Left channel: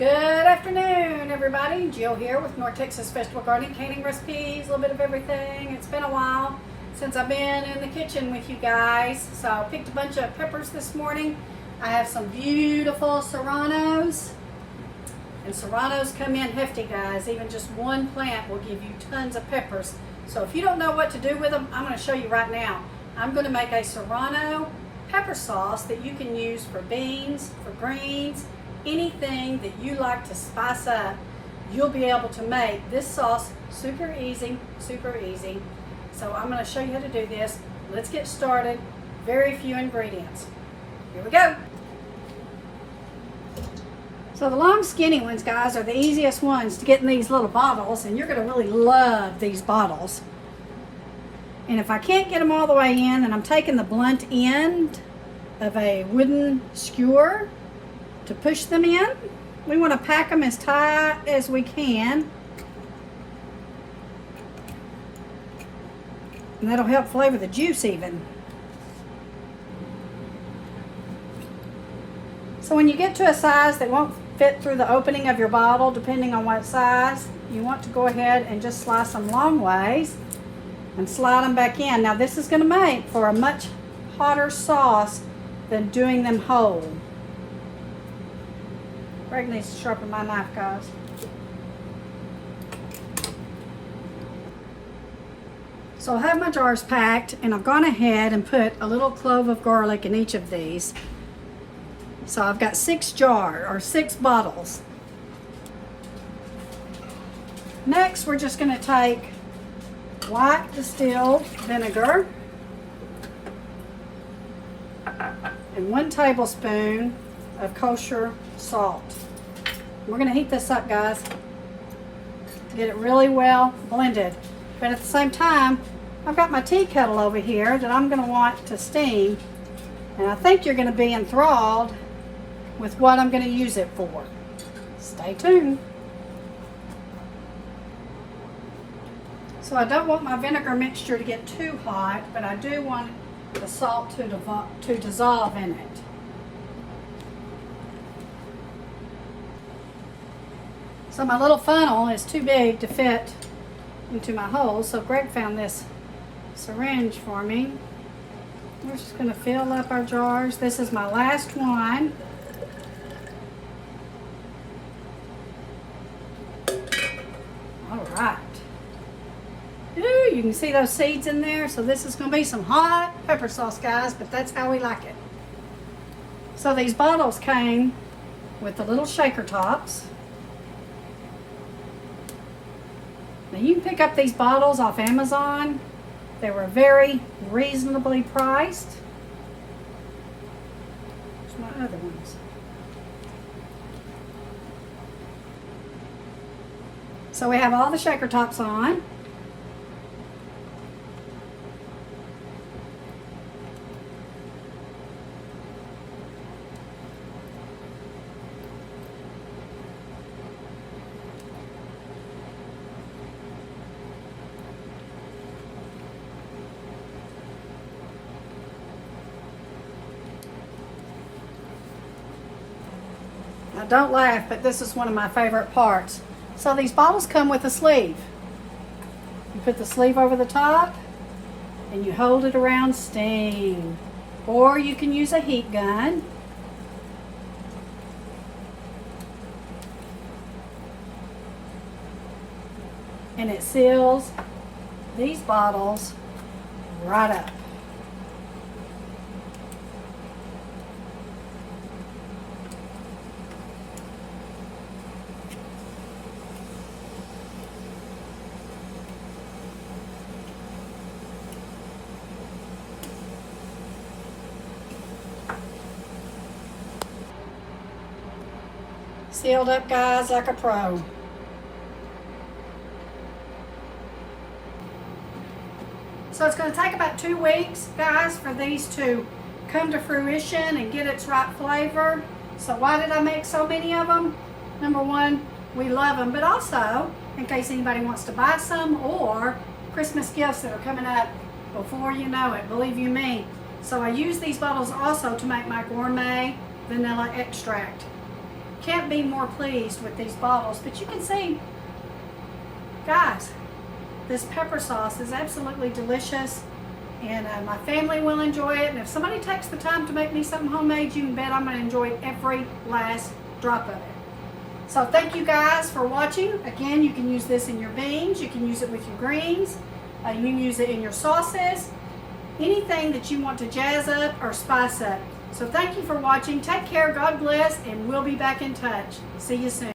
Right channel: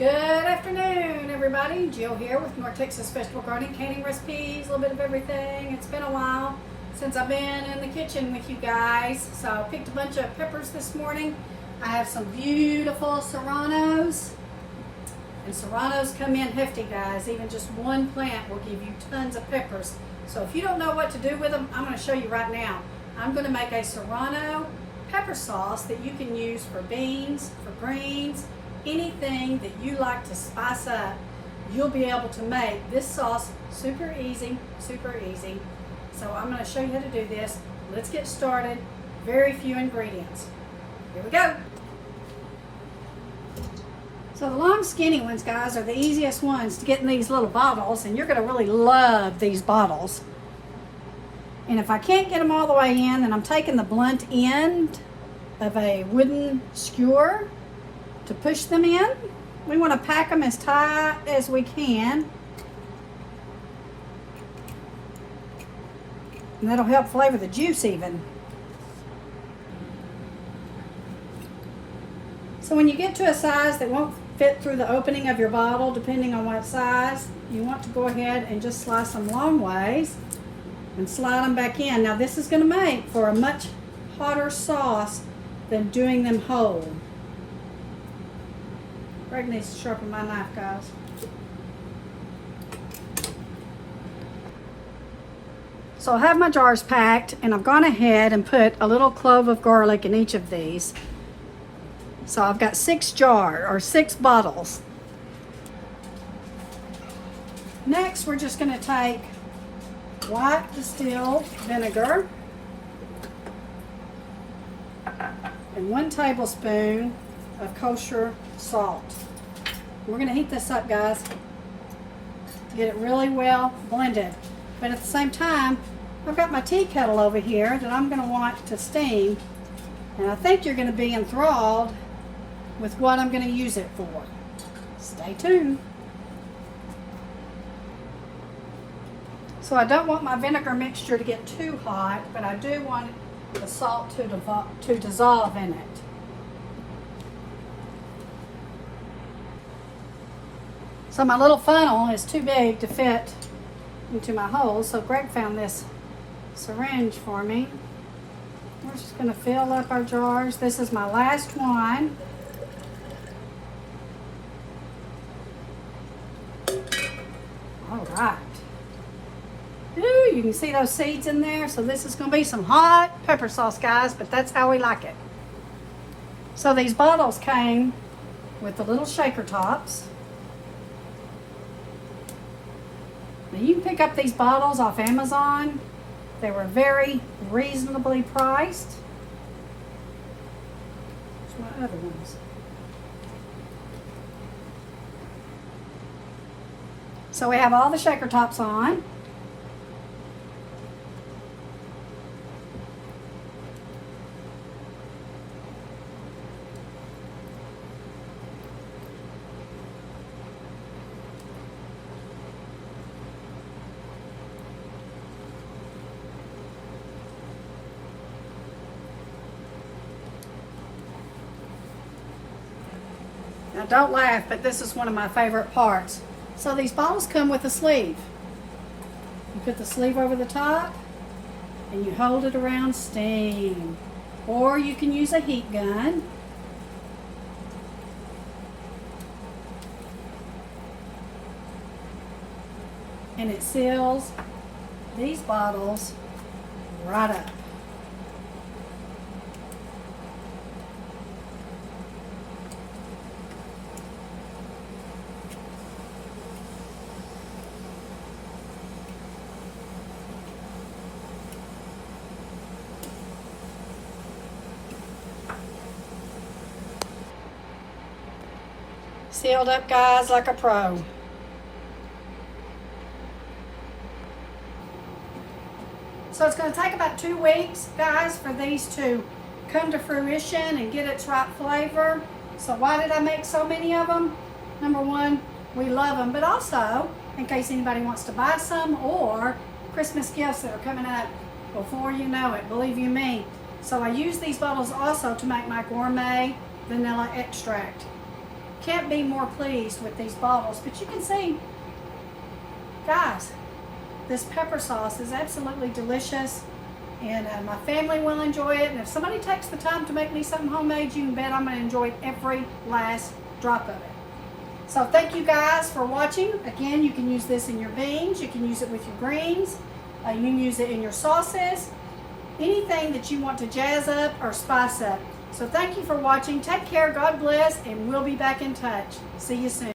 Good afternoon, everybody. Jill here with North Texas Vegetable Gardening, canning recipes, a little bit of everything. It's been a while since I've been in the kitchen with you guys, so I picked a bunch of peppers this morning. I have some beautiful Serranos, and Serranos come in hefty, guys. Even just one plant will give you tons of peppers. So if you don't know what to do with them, I'm going to show you right now. I'm going to make a Serrano pepper sauce that you can use for beans, for greens, anything that you like to spice up. You'll be able to make this sauce super easy, super easy. So I'm going to show you how to do this. Let's get started. Very few ingredients. Here we go. So the long skinny ones, guys, are the easiest ones to get in these little bottles, and you're going to really love these bottles. And if I can't get them all the way in, then I'm taking the blunt end of a wooden skewer to push them in. We want to pack them as tight as we can. And that'll help flavor the juice even. So when you get to a size that won't fit through the opening of your bottle, depending on what size, you want to go ahead and just slice them long ways and slide them back in. Now this is going to make for a much hotter sauce than doing them whole. Greg needs to sharpen my knife, guys. So I have my jars packed, and I've gone ahead and put a little clove of garlic in each of these. So I've got 6 bottles. Next, we're just going to take white distilled vinegar and 1 tablespoon of kosher salt. We're going to heat this up, guys. Get it really well blended. But at the same time, I've got my tea kettle over here that I'm going to want to steam. And I think you're going to be enthralled with what I'm going to use it for. Stay tuned. So I don't want my vinegar mixture to get too hot, but I do want the salt to dissolve in it. So my little funnel is too big to fit into my hole, so Greg found this syringe for me. We're just going to fill up our jars. This is my last one. All right. Ooh, you can see those seeds in there. So this is going to be some hot pepper sauce, guys, but that's how we like it. So these bottles came with the little shaker tops. Now you can pick up these bottles off Amazon. They were very reasonably priced. Here's my other ones. So we have all the shaker tops on. Now don't laugh, but this is one of my favorite parts. So these bottles come with a sleeve. You put the sleeve over the top and you hold it around steam. Or you can use a heat gun. And it seals these bottles right up. Sealed up, guys, like a pro. So it's going to take about 2 weeks, guys, for these to come to fruition and get its right flavor. So why did I make so many of them? Number one, we love them, but also in case anybody wants to buy some, or Christmas gifts that are coming up before you know it, believe you me. So I use these bottles also to make my gourmet vanilla extract. can't be more pleased with these bottles. But you can see, guys, this pepper sauce is absolutely delicious, and my family will enjoy it. And if somebody takes the time to make me something homemade, you can bet I'm going to enjoy every last drop of it. So thank you guys for watching. Again, you can use this in your beans, you can use it with your greens, you can use it in your sauces, anything that you want to jazz up or spice up. So thank you for watching. Take care, God bless, and we'll be back in touch. See you soon.